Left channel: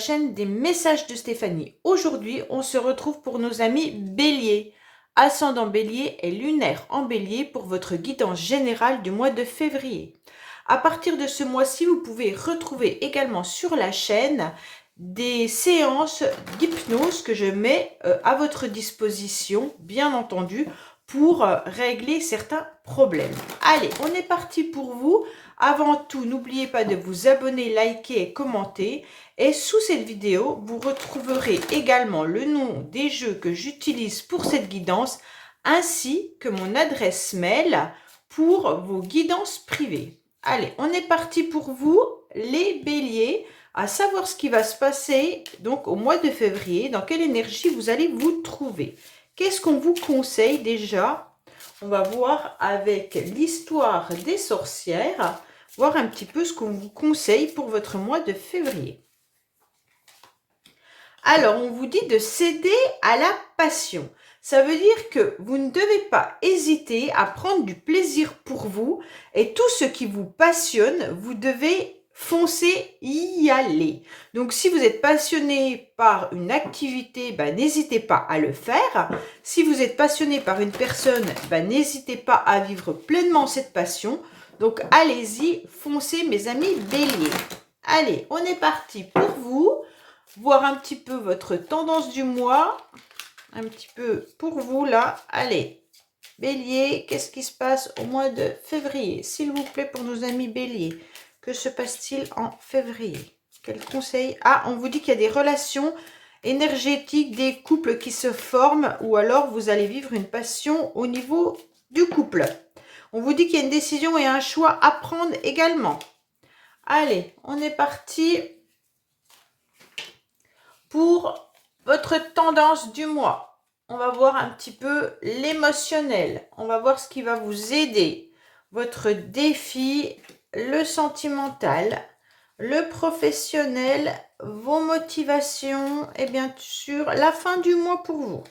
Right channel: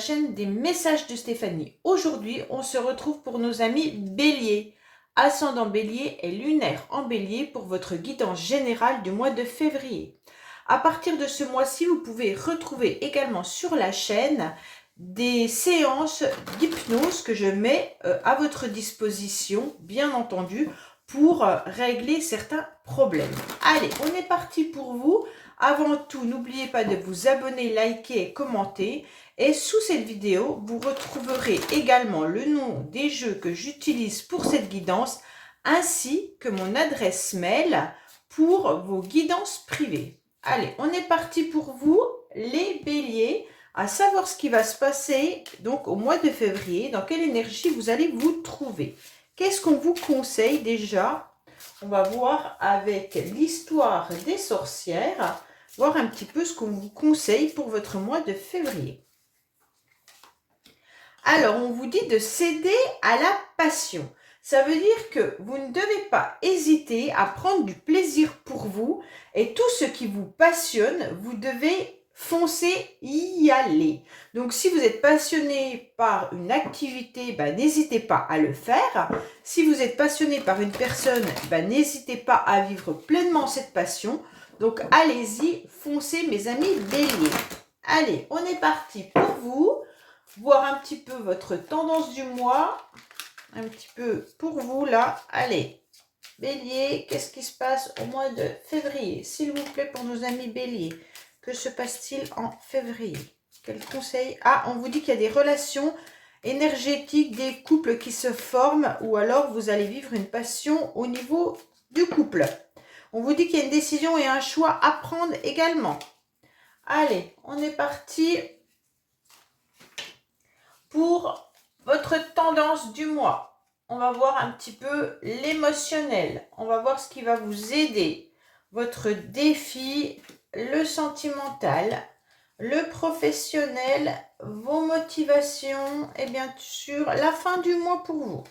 chaîne des messages de Stéphanie. Aujourd'hui, on se retrouve pour nos amis Bélier, ascendant Bélier et lunaire en Bélier pour votre guidance générale du mois de février. À partir de ce mois-ci, vous pouvez retrouver également sur la chaîne des séances d'hypnose que je mets à votre disposition, bien entendu, pour régler certains problèmes. Allez, on est parti pour vous. Avant tout, n'oubliez pas de vous abonner, liker et commenter. Et sous cette vidéo, vous retrouverez également le nom des jeux que j'utilise pour cette guidance, ainsi que mon adresse mail pour vos guidances privées. Allez, on est parti pour vous, les béliers, à savoir ce qui va se passer donc au mois de février, dans quelle énergie vous allez vous trouver. Qu'est-ce qu'on vous conseille déjà? On va voir avec l'histoire des sorcières, voir un petit peu ce qu'on vous conseille pour votre mois de février. Alors, on vous dit de céder à la passion. Ça veut dire que vous ne devez pas hésiter à prendre du plaisir pour vous et tout ce qui vous passionne, vous devez foncer, y aller. Donc, si vous êtes passionné par une activité, n'hésitez pas à le faire. Si vous êtes passionné par une personne, n'hésitez pas à vivre pleinement cette passion. Donc, allez-y, foncez mes amis béliers. Allez, on est parti pour vous. Voir un petit peu votre tendance du mois. Un petit peu pour vous là. Allez, bélier, qu'est-ce qui se passe au mois de février? S'il vous plaît, pour nos amis béliers. Que se passe-t-il en février? Quel conseil? Ah, on vous dit qu'il y a des relations énergétiques, des couples qui se forment, ou alors vous allez vivre une passion au niveau du couple. On vous dit qu'il y a une décision et un choix à prendre également. Allez, on est parti pour votre tendance du mois. On va voir un petit peu l'émotionnel. On va voir ce qui va vous aider. Votre défi, le sentimental, le professionnel, vos motivations et bien sûr la fin du mois pour vous.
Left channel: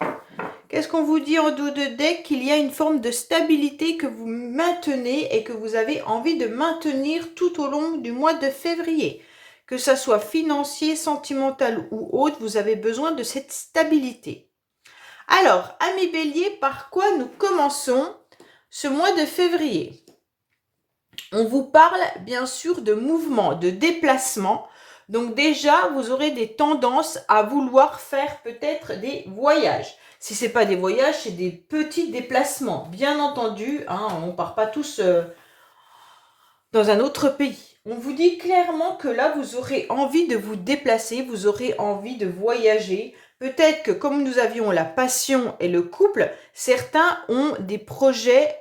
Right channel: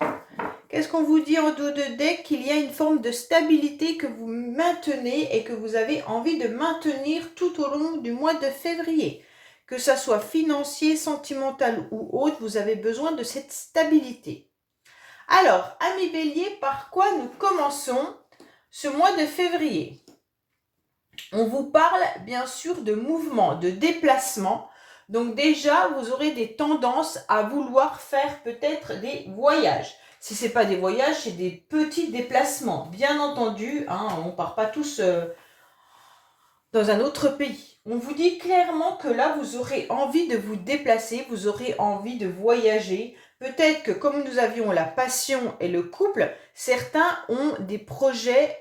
Qu'est-ce qu'on vous dit en dos de deck? Qu'il y a une forme de stabilité que vous maintenez et que vous avez envie de maintenir tout au long du mois de février. Que ça soit financier, sentimental ou autre, vous avez besoin de cette stabilité. Alors, amis béliers, par quoi nous commençons ce mois de février? On vous parle bien sûr de mouvement, de déplacement. Donc déjà, vous aurez des tendances à vouloir faire peut-être des voyages. Si ce n'est pas des voyages, c'est des petits déplacements. Bien entendu, on ne part pas tous dans un autre pays. On vous dit clairement que là, vous aurez envie de vous déplacer, vous aurez envie de voyager. Peut-être que comme nous avions la passion et le couple, certains ont des projets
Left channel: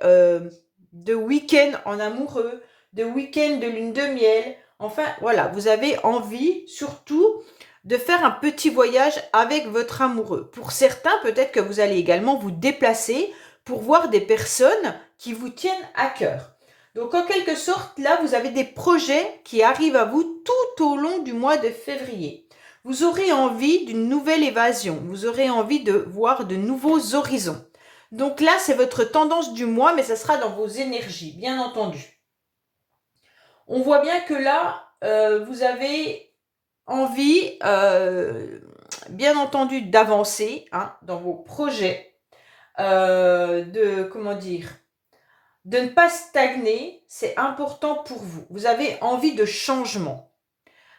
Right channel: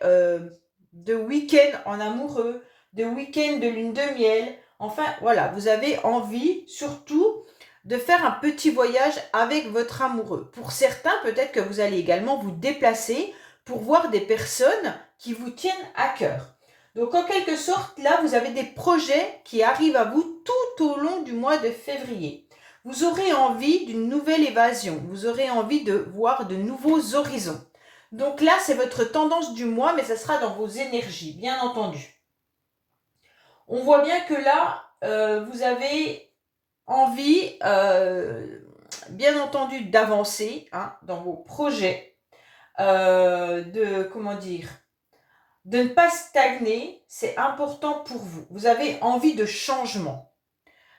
de week-end en amoureux, de week-end de lune de miel. Enfin, voilà, vous avez envie surtout de faire un petit voyage avec votre amoureux. Pour certains, peut-être que vous allez également vous déplacer pour voir des personnes qui vous tiennent à cœur. Donc, en quelque sorte, là, vous avez des projets qui arrivent à vous tout au long du mois de février. Vous aurez envie d'une nouvelle évasion. Vous aurez envie de voir de nouveaux horizons. Donc là, c'est votre tendance du mois, mais ça sera dans vos énergies, bien entendu. On voit bien que là, vous avez envie, bien entendu, d'avancer dans vos projets, de ne pas stagner, c'est important pour vous. Vous avez envie de changement.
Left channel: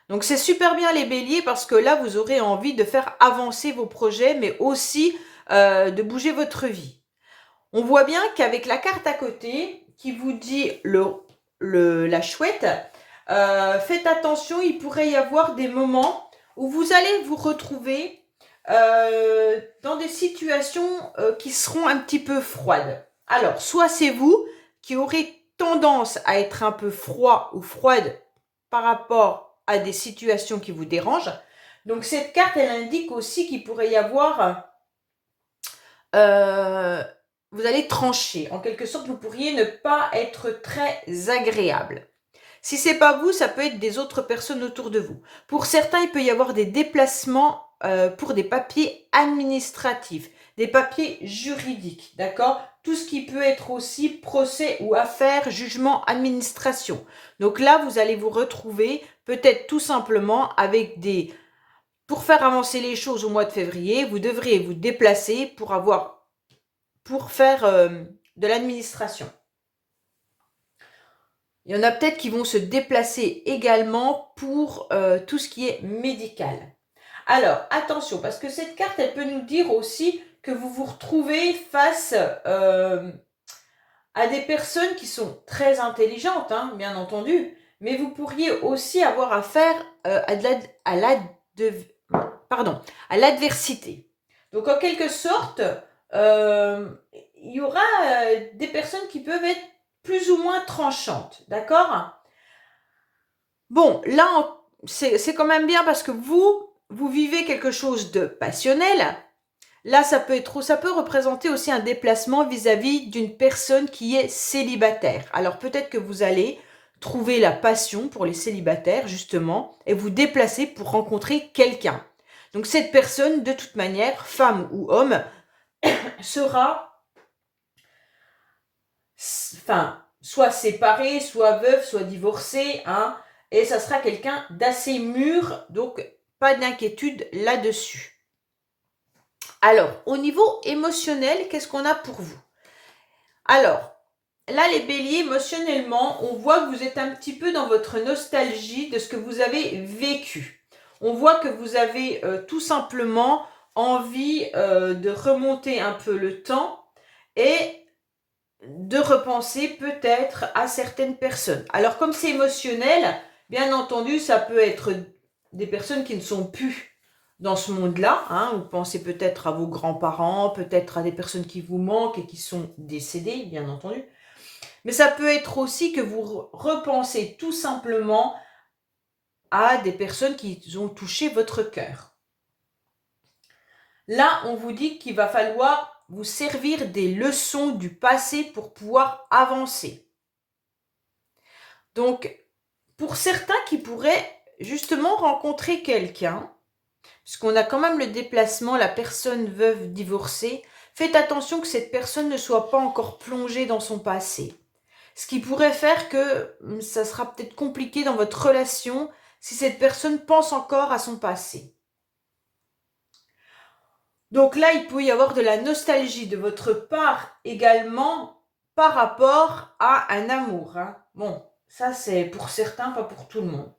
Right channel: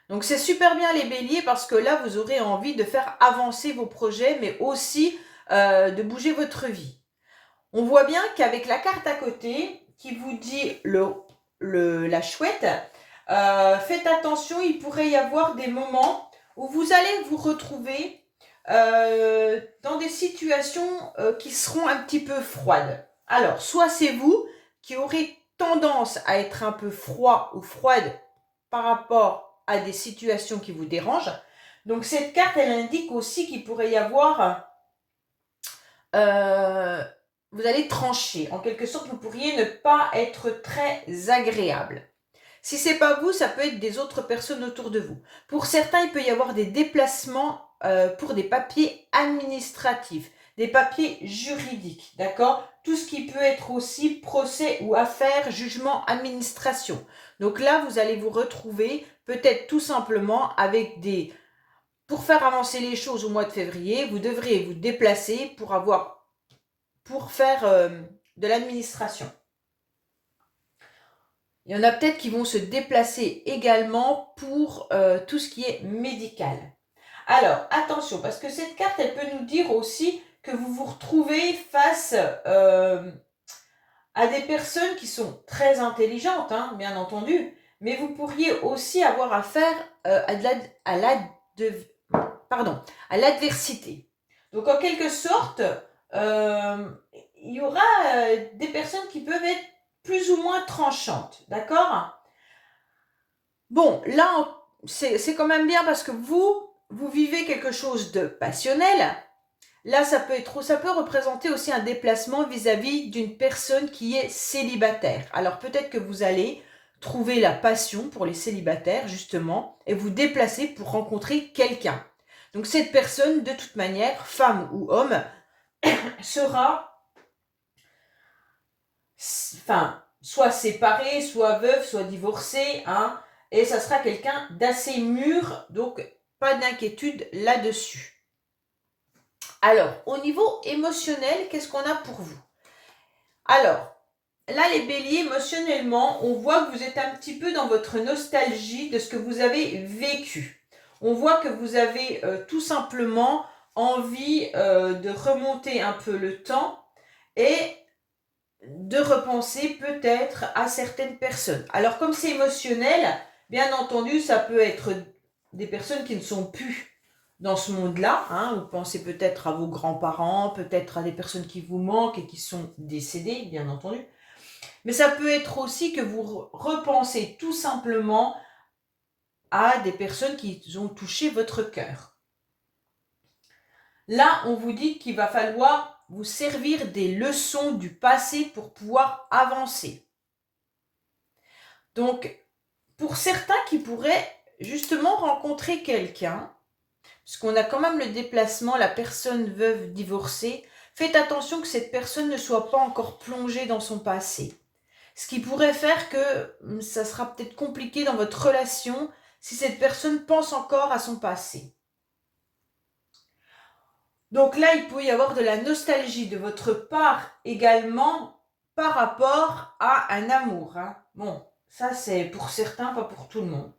Donc, c'est super bien les béliers parce que là, vous aurez envie de faire avancer vos projets, mais aussi de bouger votre vie. On voit bien qu'avec la carte à côté qui vous dit la chouette, faites attention, il pourrait y avoir des moments où vous allez vous retrouver dans des situations qui seront un petit peu froides. Alors, soit c'est vous qui aurez tendance à être un peu froid ou froide par rapport à des situations qui vous dérangent. Donc, cette carte, elle indique aussi qu'il pourrait y avoir... vous allez trancher. En quelque sorte, vous pourriez ne pas être très agréable. Si ce n'est pas vous, ça peut être des autres personnes autour de vous. Pour certains, il peut y avoir des déplacements pour des papiers administratifs, des papiers juridiques, d'accord? Tout ce qui peut être aussi procès ou affaires, jugement, administration. Donc là, vous allez vous retrouver peut-être tout simplement avec des pour faire avancer les choses au mois de février, vous devriez vous déplacer pour faire de l'administration. Il y en a peut-être qui vont se déplacer également pour tout ce qui est médical. Alors, attention, parce que cette carte, elle peut nous dire aussi que vous vous retrouvez face à des personnes qui sont très intelligentes, hein, bien entendu, mais vous pourriez aussi avoir affaire à l'adversité. Donc, en quelque sorte, il y aura des personnes qui peuvent être plus ou moins tranchantes, d'accord? Bon, là, c'est quand même bien parce que vous vivez quelque chose de passionnel. Là, ça peut représenter aussi un déplacement vis-à-vis d'une personne qui est célibataire. Alors, peut-être que vous allez trouver la passion pour les célibataires, justement, et vous déplacer pour rencontrer quelqu'un. Donc, cette personne, de toute manière, femme ou homme, sera, soit séparé, soit veuf, soit divorcé, hein, et ça sera quelqu'un d'assez mûr, donc pas d'inquiétude là-dessus. Alors, au niveau émotionnel, qu'est-ce qu'on a pour vous? Alors, là, les béliers, émotionnellement, on voit que vous êtes un petit peu dans votre nostalgie de ce que vous avez vécu. On voit que vous avez tout simplement envie de remonter un peu le temps et de repenser peut-être à certaines personnes. Alors, comme c'est émotionnel, bien entendu, ça peut être des personnes qui ne sont plus dans ce monde-là, hein. Vous pensez peut-être à vos grands-parents, peut-être à des personnes qui vous manquent et qui sont décédées, bien entendu. Mais ça peut être aussi que vous repensez tout simplement à des personnes qui ont touché votre cœur. Là, on vous dit qu'il va falloir vous servir des leçons du passé pour pouvoir avancer. Donc, pour certains qui pourraient justement rencontrer quelqu'un, parce qu'on a quand même le déplacement, la personne veuve divorcée, faites attention que cette personne ne soit pas encore plongée dans son passé. Ce qui pourrait faire que ça sera peut-être compliqué dans votre relation si cette personne pense encore à son passé. Donc là, il peut y avoir de la nostalgie de votre part également par rapport à un amour, hein. Bon, ça c'est pour certains, pas pour tout le monde.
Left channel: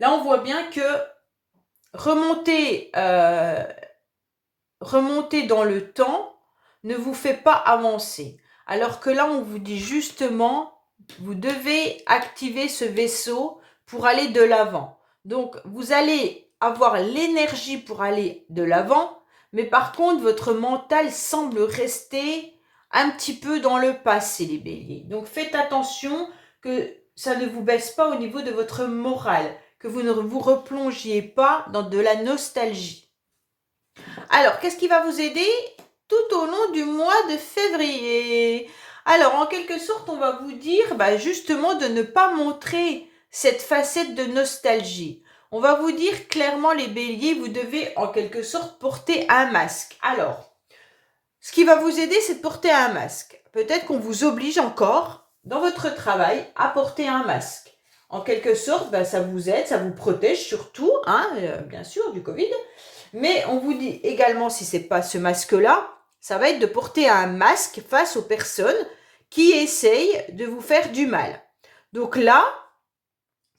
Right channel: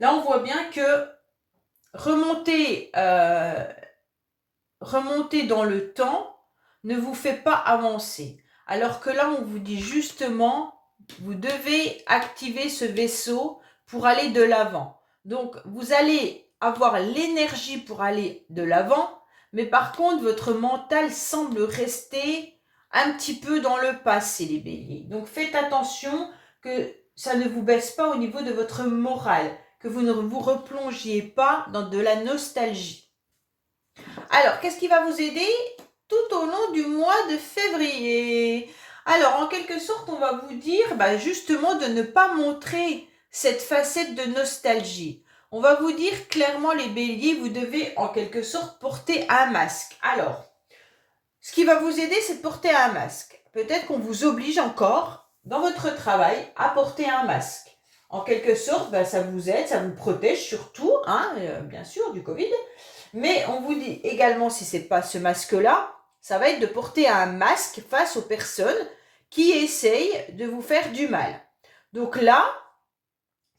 Là, on voit bien que remonter dans le temps ne vous fait pas avancer. Alors que là, on vous dit justement, vous devez activer ce vaisseau pour aller de l'avant. Donc, vous allez avoir l'énergie pour aller de l'avant, mais par contre, votre mental semble rester un petit peu dans le passé, les béliers. Donc, faites attention que ça ne vous baisse pas au niveau de votre morale, que vous ne vous replongiez pas dans de la nostalgie. Alors, qu'est-ce qui va vous aider tout au long du mois de février? Alors, en quelque sorte, on va vous dire justement de ne pas montrer cette facette de nostalgie. On va vous dire clairement, les béliers, vous devez en quelque sorte porter un masque. Alors, ce qui va vous aider, c'est de porter un masque. Peut-être qu'on vous oblige encore, dans votre travail, à porter un masque. En quelque sorte, ça vous aide, ça vous protège surtout, hein, bien sûr, du Covid. Mais on vous dit également, si ce n'est pas ce masque-là, ça va être de porter un masque face aux personnes qui essayent de vous faire du mal. Donc là,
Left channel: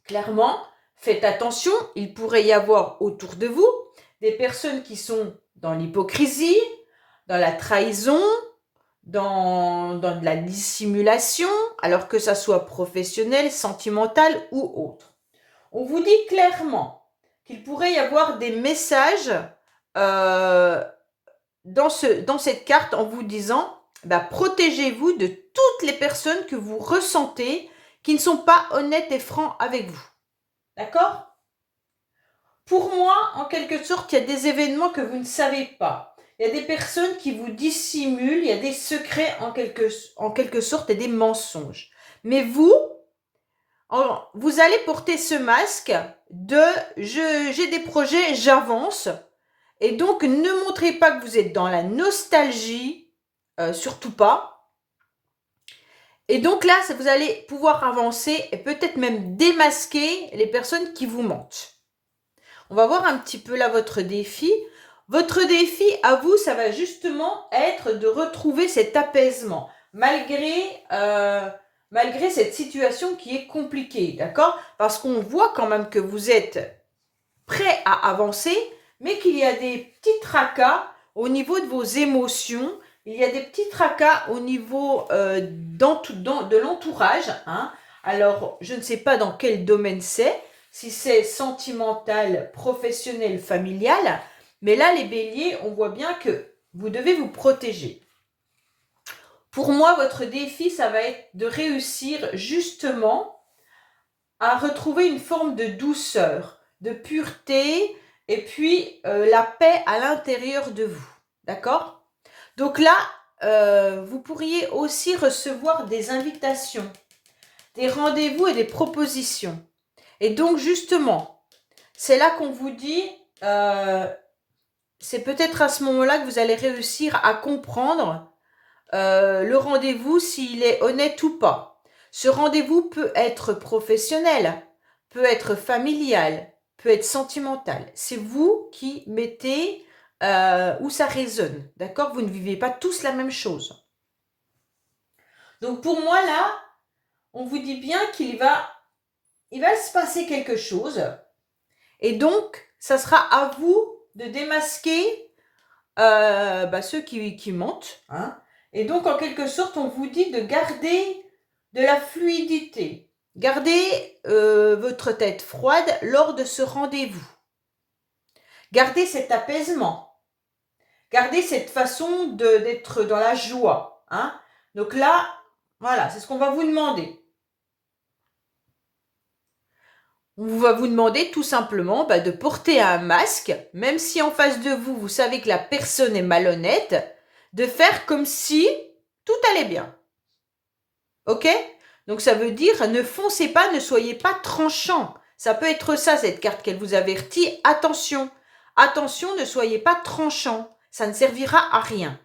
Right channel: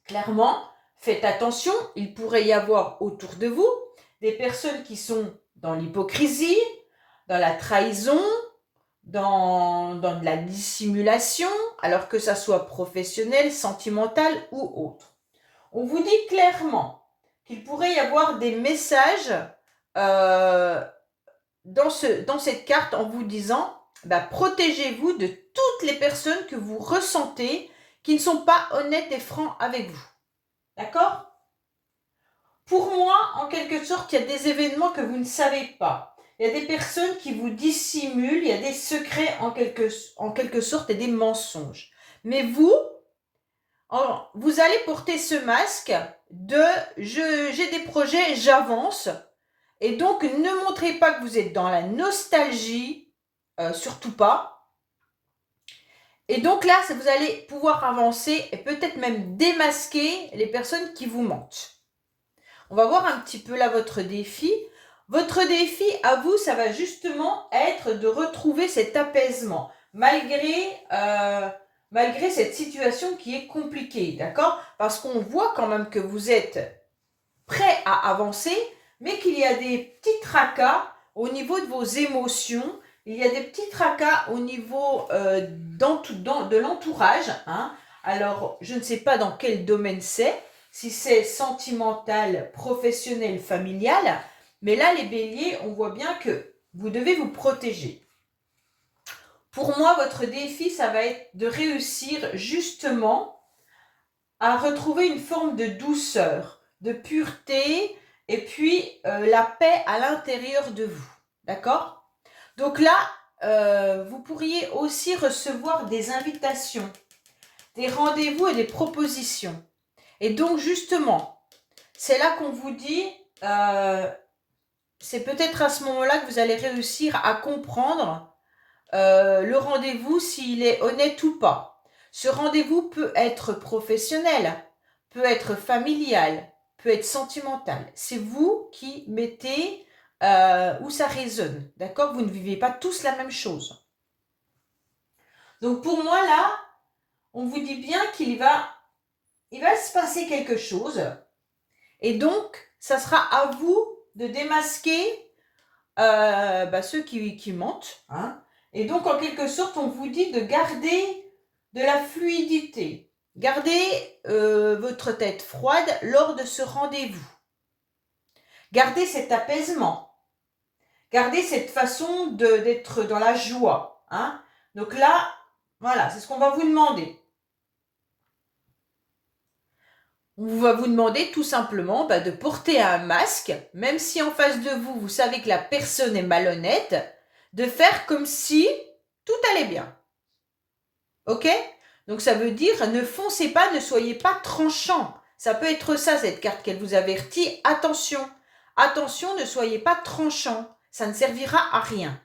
clairement, faites attention, il pourrait y avoir autour de vous des personnes qui sont dans l'hypocrisie, dans la trahison, dans de la dissimulation, alors que ça soit professionnel, sentimental ou autre. On vous dit clairement qu'il pourrait y avoir des messages dans cette carte en vous disant protégez-vous de toutes les personnes que vous ressentez qui ne sont pas honnêtes et francs avec vous. D'accord? Pour moi, en quelque sorte, il y a des événements que vous ne savez pas. Il y a des personnes qui vous dissimulent, il y a des secrets en quelque sorte et des mensonges. Mais vous allez porter ce masque de j'ai des projets, j'avance. Et donc, ne montrez pas que vous êtes dans la nostalgie, surtout pas. Et donc là, vous allez pouvoir avancer et peut-être même démasquer les personnes qui vous mentent. On va voir un petit peu là votre défi. Votre défi à vous, ça va justement être de retrouver cet apaisement malgré cette situation qui est compliquée, d'accord? Parce qu'on voit quand même que vous êtes prêt à avancer, mais qu'il y a des petits tracas au niveau de vos émotions, il y a des petits tracas au niveau de l'entourage. Hein. Alors, je ne sais pas dans quel domaine c'est, si c'est sentimental, professionnel, familial, mais là, les béliers, on voit bien que vous devez vous protéger. Pour moi, votre défi, ça va être de réussir justement à retrouver une forme de douceur, de pureté, et puis la paix à l'intérieur de vous. D'accord? Donc là, vous pourriez aussi recevoir des invitations, des rendez-vous et des propositions. Et donc justement, c'est là qu'on vous dit, c'est peut-être à ce moment-là que vous allez réussir à comprendre le rendez-vous s'il est honnête ou pas. Ce rendez-vous peut être professionnel, peut être familial, peut être sentimental. C'est vous qui mettez où ça résonne. D'accord? Vous ne vivez pas tous la même chose. Donc pour moi là, on vous dit bien qu'il va se passer quelque chose. Et donc, ça sera à vous de démasquer ceux qui mentent. Hein. Et donc, en quelque sorte, on vous dit de garder de la fluidité. Gardez votre tête froide lors de ce rendez-vous. Gardez cet apaisement. Gardez cette façon d'être dans la joie. Hein. Donc là, voilà, c'est ce qu'on va vous demander. On va vous demander tout simplement de porter un masque, même si en face de vous, vous savez que la personne est malhonnête, de faire comme si tout allait bien. Ok? Donc ça veut dire ne foncez pas, ne soyez pas tranchant. Ça peut être ça, cette carte qu'elle vous avertit. Attention, attention, ne soyez pas tranchant. Ça ne servira à rien.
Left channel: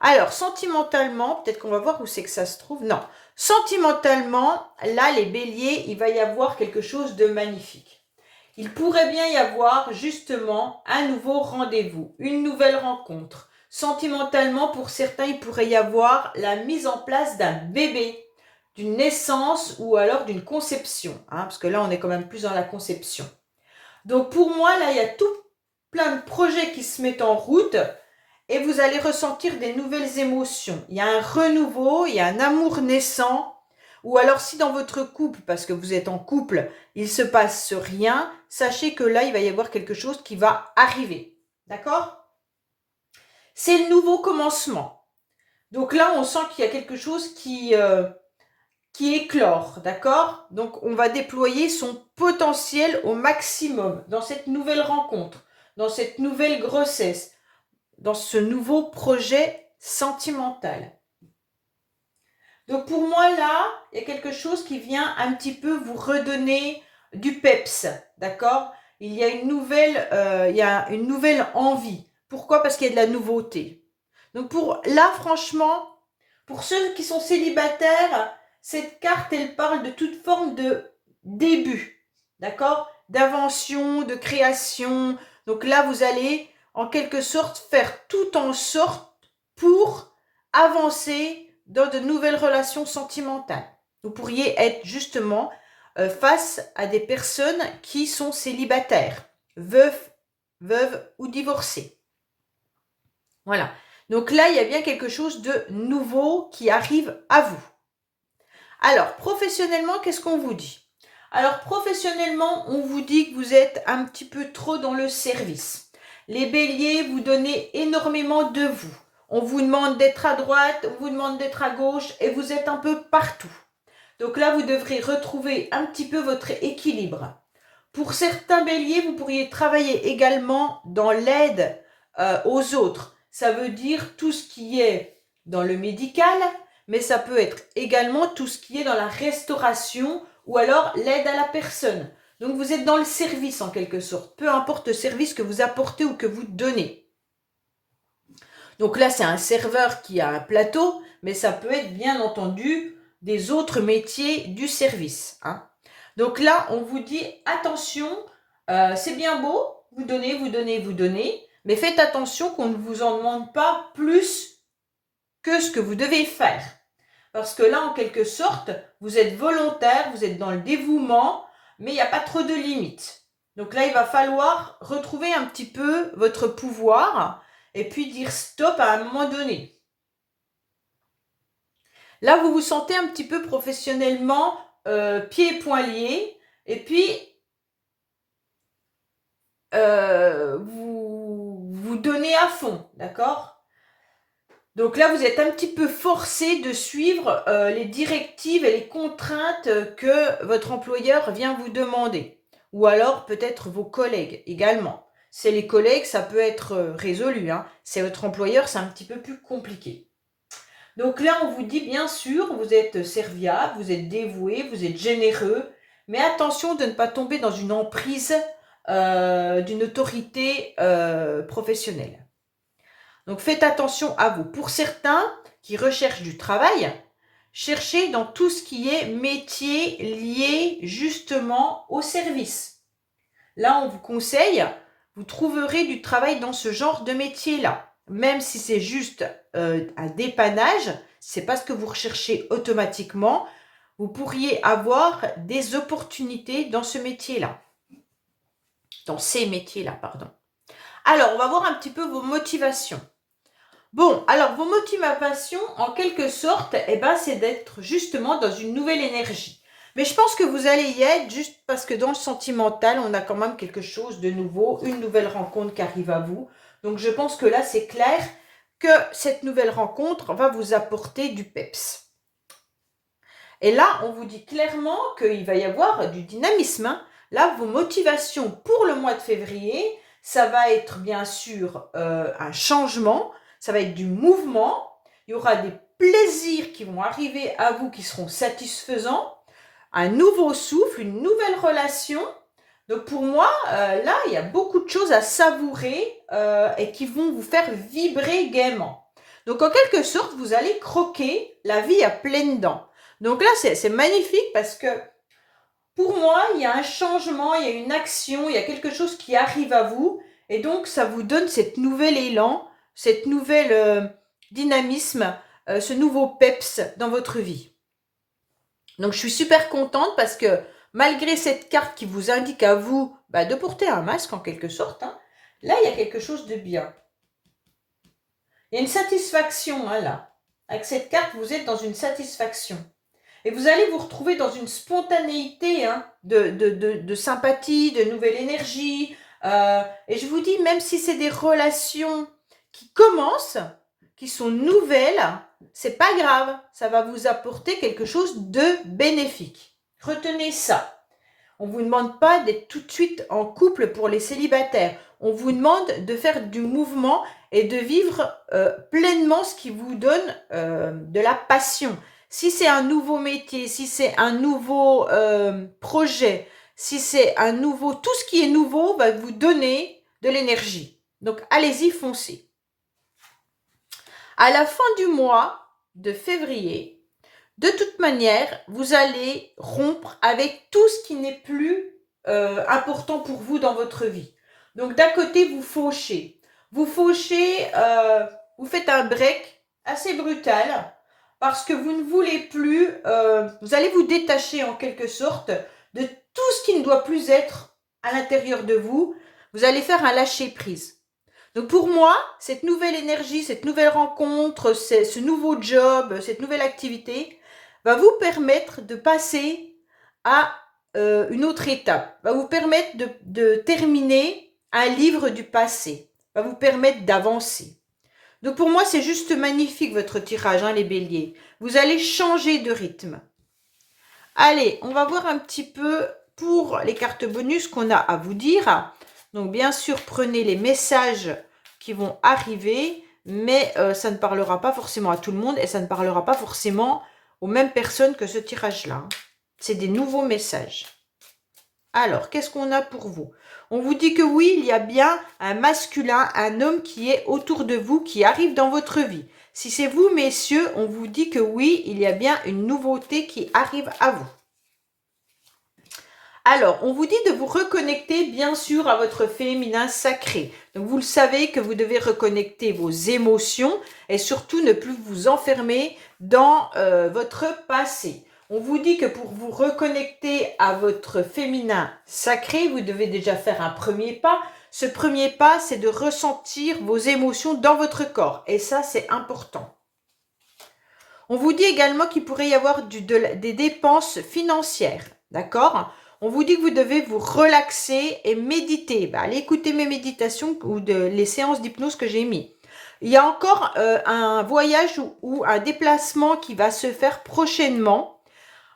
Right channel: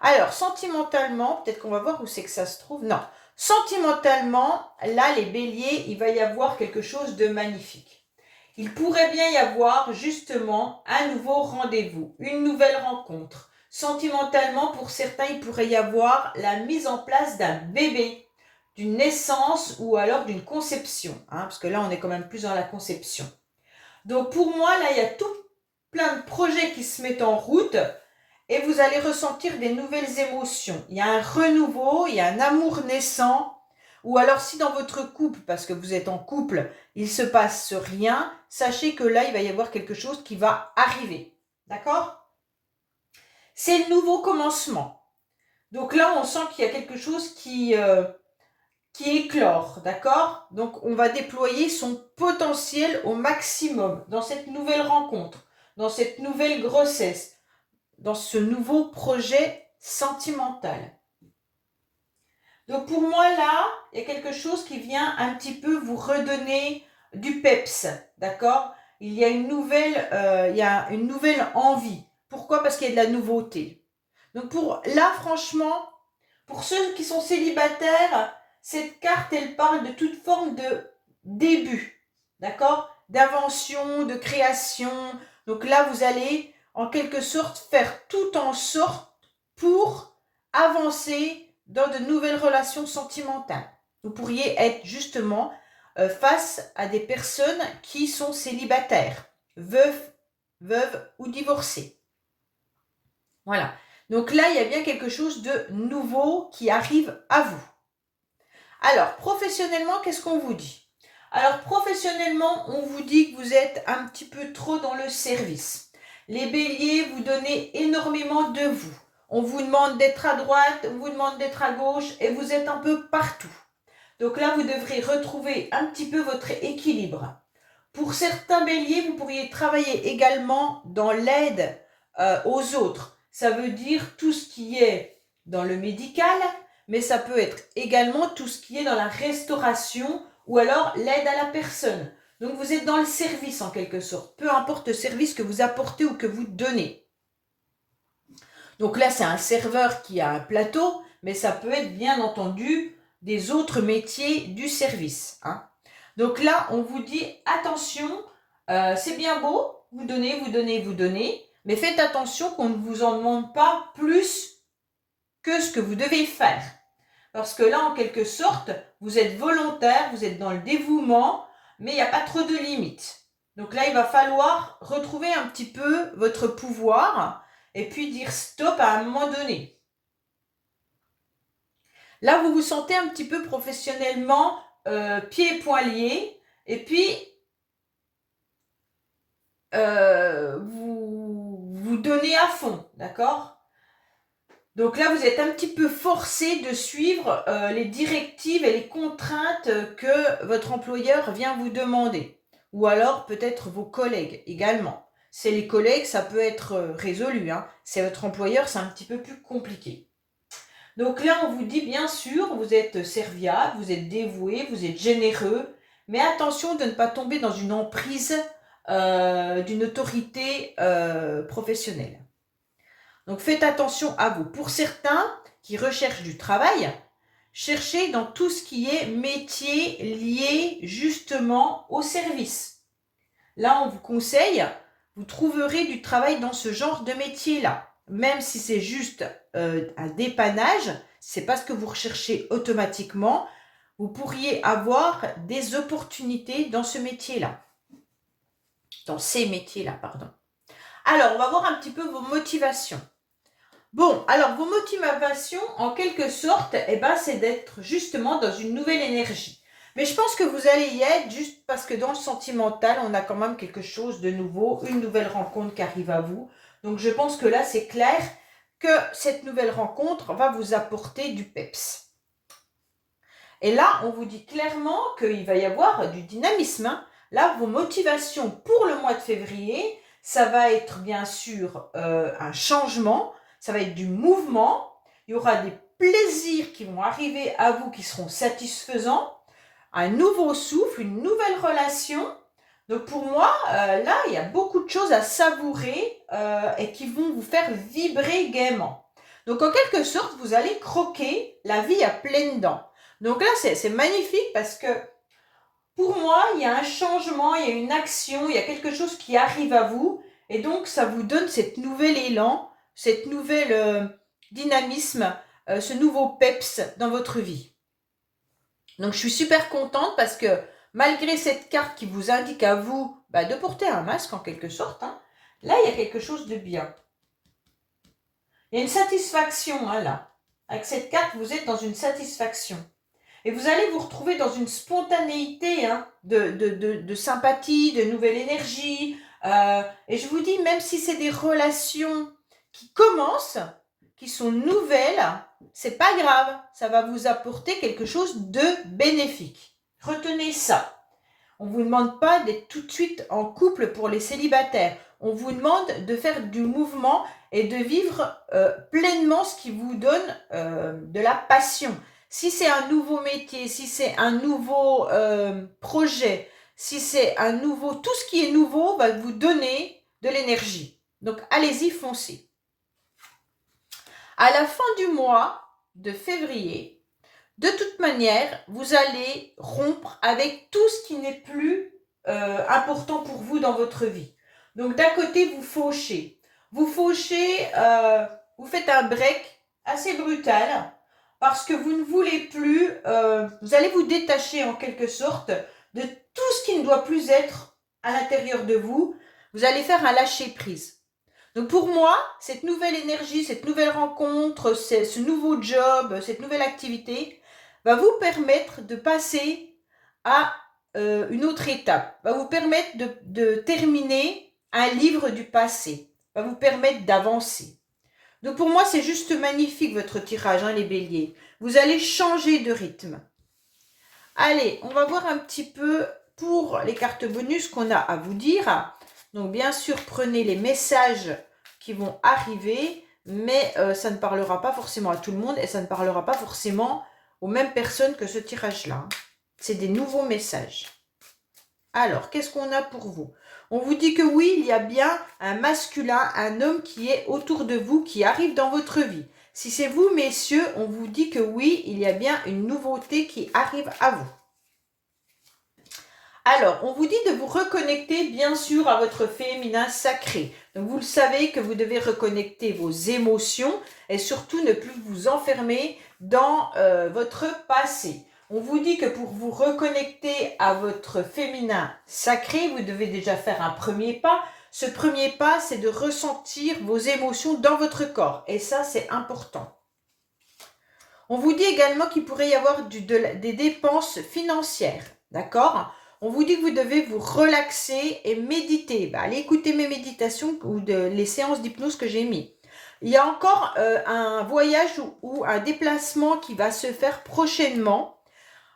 Alors, sentimentalement, peut-être qu'on va voir où c'est que ça se trouve. Non. Sentimentalement, là, les béliers, il va y avoir quelque chose de magnifique. Il pourrait bien y avoir justement un nouveau rendez-vous, une nouvelle rencontre. Sentimentalement, pour certains, il pourrait y avoir la mise en place d'un bébé, d'une naissance ou alors d'une conception. Hein, parce que là, on est quand même plus dans la conception. Donc, pour moi, là, il y a tout plein de projets qui se mettent en route. Et vous allez ressentir des nouvelles émotions. Il y a un renouveau, il y a un amour naissant. Ou alors si dans votre couple, parce que vous êtes en couple, il ne se passe rien, sachez que là, il va y avoir quelque chose qui va arriver. D'accord? C'est le nouveau commencement. Donc là, on sent qu'il y a quelque chose qui éclore. D'accord? Donc on va déployer son potentiel au maximum dans cette nouvelle rencontre, dans cette nouvelle grossesse, dans ce nouveau projet sentimental. Donc pour moi là, il y a quelque chose qui vient un petit peu vous redonner du peps, d'accord? Il y a une nouvelle envie. Pourquoi? Parce qu'il y a de la nouveauté. Donc franchement, pour ceux qui sont célibataires, cette carte, elle parle de toute forme de début, d'accord? D'invention, de création. Donc là, vous allez en quelque sorte faire tout en sorte pour avancer dans de nouvelles relations sentimentales. Vous pourriez être justement face à des personnes qui sont célibataires, veuves ou divorcées. Voilà. Donc là, il y a bien quelque chose de nouveau qui arrive à vous. Alors, professionnellement, qu'est-ce qu'on vous dit? Alors, professionnellement, on vous dit que vous êtes un petit peu trop dans le service. Les béliers, vous donnez énormément de vous. On vous demande d'être à droite, on vous demande d'être à gauche et vous êtes un peu partout. Donc là, vous devrez retrouver un petit peu votre équilibre. Pour certains béliers, vous pourriez travailler également dans l'aide aux autres. Ça veut dire tout ce qui est dans le médical, mais ça peut être également tout ce qui est dans la restauration ou alors l'aide à la personne. Donc vous êtes dans le service en quelque sorte, peu importe le service que vous apportez ou que vous donnez. Donc là, c'est un serveur qui a un plateau, mais ça peut être bien entendu des autres métiers du service, hein. Donc là, on vous dit, attention, c'est bien beau, vous donnez, vous donnez, vous donnez, mais faites attention qu'on ne vous en demande pas plus que ce que vous devez faire. Parce que là, en quelque sorte, vous êtes volontaire, vous êtes dans le dévouement, mais il n'y a pas trop de limites. Donc là, il va falloir retrouver un petit peu votre pouvoir et puis dire stop à un moment donné. Là, vous vous sentez un petit peu professionnellement pieds et poings liés et puis vous donnez à fond, d'accord ? Donc là, vous êtes un petit peu forcé de suivre les directives et les contraintes que votre employeur vient vous demander. Ou alors peut-être vos collègues également. C'est les collègues, ça peut être résolu, hein. C'est votre employeur, c'est un petit peu plus compliqué. Donc là, on vous dit bien sûr, vous êtes serviable, vous êtes dévoué, vous êtes généreux, mais attention de ne pas tomber dans une emprise d'une autorité professionnelle. Donc faites attention à vous. Pour certains qui recherchent du travail, cherchez dans tout ce qui est métier lié justement au service. Là, on vous conseille, vous trouverez du travail dans ce genre de métier-là. Même si c'est juste un dépannage, c'est pas ce que vous recherchez automatiquement, vous pourriez avoir des opportunités dans ce métier-là. Dans ces métiers-là, pardon. Alors, on va voir un petit peu vos motivations. Bon, alors vos motivations, en quelque sorte, c'est d'être justement dans une nouvelle énergie. Mais je pense que vous allez y être juste parce que dans le sentimental, on a quand même quelque chose de nouveau, une nouvelle rencontre qui arrive à vous. Donc je pense que là, c'est clair que cette nouvelle rencontre va vous apporter du peps. Et là, on vous dit clairement qu'il va y avoir du dynamisme, hein. Là, vos motivations pour le mois de février, ça va être bien sûr un changement. Ça va être du mouvement, il y aura des plaisirs qui vont arriver à vous qui seront satisfaisants, un nouveau souffle, une nouvelle relation. Donc pour moi, là, il y a beaucoup de choses à savourer et qui vont vous faire vibrer gaiement. Donc en quelque sorte, vous allez croquer la vie à pleines dents. Donc là, c'est magnifique parce que pour moi, il y a un changement, il y a une action, il y a quelque chose qui arrive à vous et donc ça vous donne cet nouvel élan, cette nouvelle dynamisme, ce nouveau peps dans votre vie. Donc je suis super contente parce que malgré cette carte qui vous indique à vous de porter un masque en quelque sorte, hein, là il y a quelque chose de bien. Il y a une satisfaction là. Avec cette carte, vous êtes dans une satisfaction. Et vous allez vous retrouver dans une spontanéité de sympathie, de nouvelle énergie. Et je vous dis, même si c'est des relations qui commencent, qui sont nouvelles, c'est pas grave. Ça va vous apporter quelque chose de bénéfique. Retenez ça. On ne vous demande pas d'être tout de suite en couple pour les célibataires. On vous demande de faire du mouvement et de vivre pleinement ce qui vous donne de la passion. Si c'est un nouveau métier, si c'est un nouveau projet, si c'est un nouveau... Tout ce qui est nouveau va vous donner de l'énergie. Donc, allez-y, foncez. À la fin du mois de février, de toute manière, vous allez rompre avec tout ce qui n'est plus important pour vous dans votre vie. Donc, d'un côté, vous fauchez. Vous fauchez, vous faites un break assez brutal parce que vous ne voulez plus, vous allez vous détacher en quelque sorte de tout ce qui ne doit plus être à l'intérieur de vous. Vous allez faire un lâcher-prise. Donc pour moi, cette nouvelle énergie, cette nouvelle rencontre, ce nouveau job, cette nouvelle activité va vous permettre de passer à une autre étape, va vous permettre de terminer un livre du passé, va vous permettre d'avancer. Donc pour moi, c'est juste magnifique votre tirage, hein, les béliers. Vous allez changer de rythme. Allez, on va voir un petit peu pour les cartes bonus qu'on a à vous dire. Donc bien sûr, prenez les messages qui vont arriver, mais ça ne parlera pas forcément à tout le monde et ça ne parlera pas forcément aux mêmes personnes que ce tirage-là. C'est des nouveaux messages. Alors, qu'est-ce qu'on a pour vous? On vous dit que oui, il y a bien un masculin, un homme qui est autour de vous, qui arrive dans votre vie. Si c'est vous, messieurs, on vous dit que oui, il y a bien une nouveauté qui arrive à vous. Alors, on vous dit de vous reconnecter bien sûr à votre féminin sacré. Donc, vous le savez que vous devez reconnecter vos émotions et surtout ne plus vous enfermer dans votre passé. On vous dit que pour vous reconnecter à votre féminin sacré, vous devez déjà faire un premier pas. Ce premier pas, c'est de ressentir vos émotions dans votre corps. Et ça, c'est important. On vous dit également qu'il pourrait y avoir des dépenses financières. D'accord ? On vous dit que vous devez vous relaxer et méditer. Allez écouter mes méditations ou les séances d'hypnose que j'ai mis. Il y a encore un voyage ou un déplacement qui va se faire prochainement.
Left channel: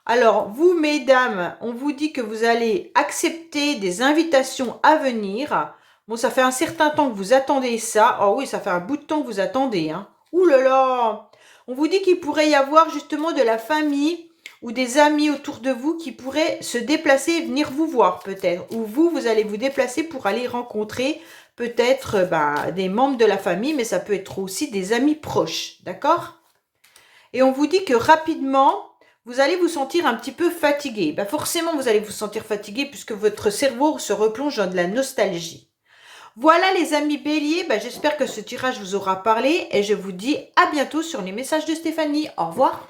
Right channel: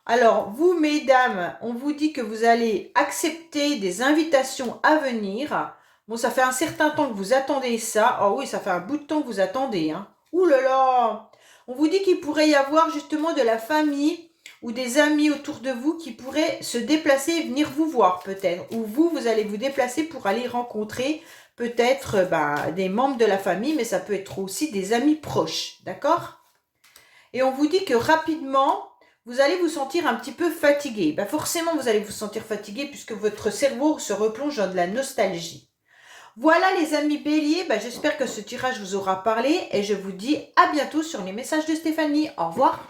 Alors, vous, mesdames, on vous dit que vous allez accepter des invitations à venir. Bon, ça fait un certain temps que vous attendez ça. Oh oui, ça fait un bout de temps que vous attendez. Hein. Ouh là là! On vous dit qu'il pourrait y avoir justement de la famille ou des amis autour de vous qui pourraient se déplacer et venir vous voir peut-être. Ou vous allez vous déplacer pour aller rencontrer peut-être des membres de la famille, mais ça peut être aussi des amis proches. D'accord? Et on vous dit que rapidement, vous allez vous sentir un petit peu fatigué. Forcément, vous allez vous sentir fatigué puisque votre cerveau se replonge dans de la nostalgie. Voilà les amis béliers, j'espère que ce tirage vous aura parlé et je vous dis à bientôt sur les messages de Stéphanie. Au revoir.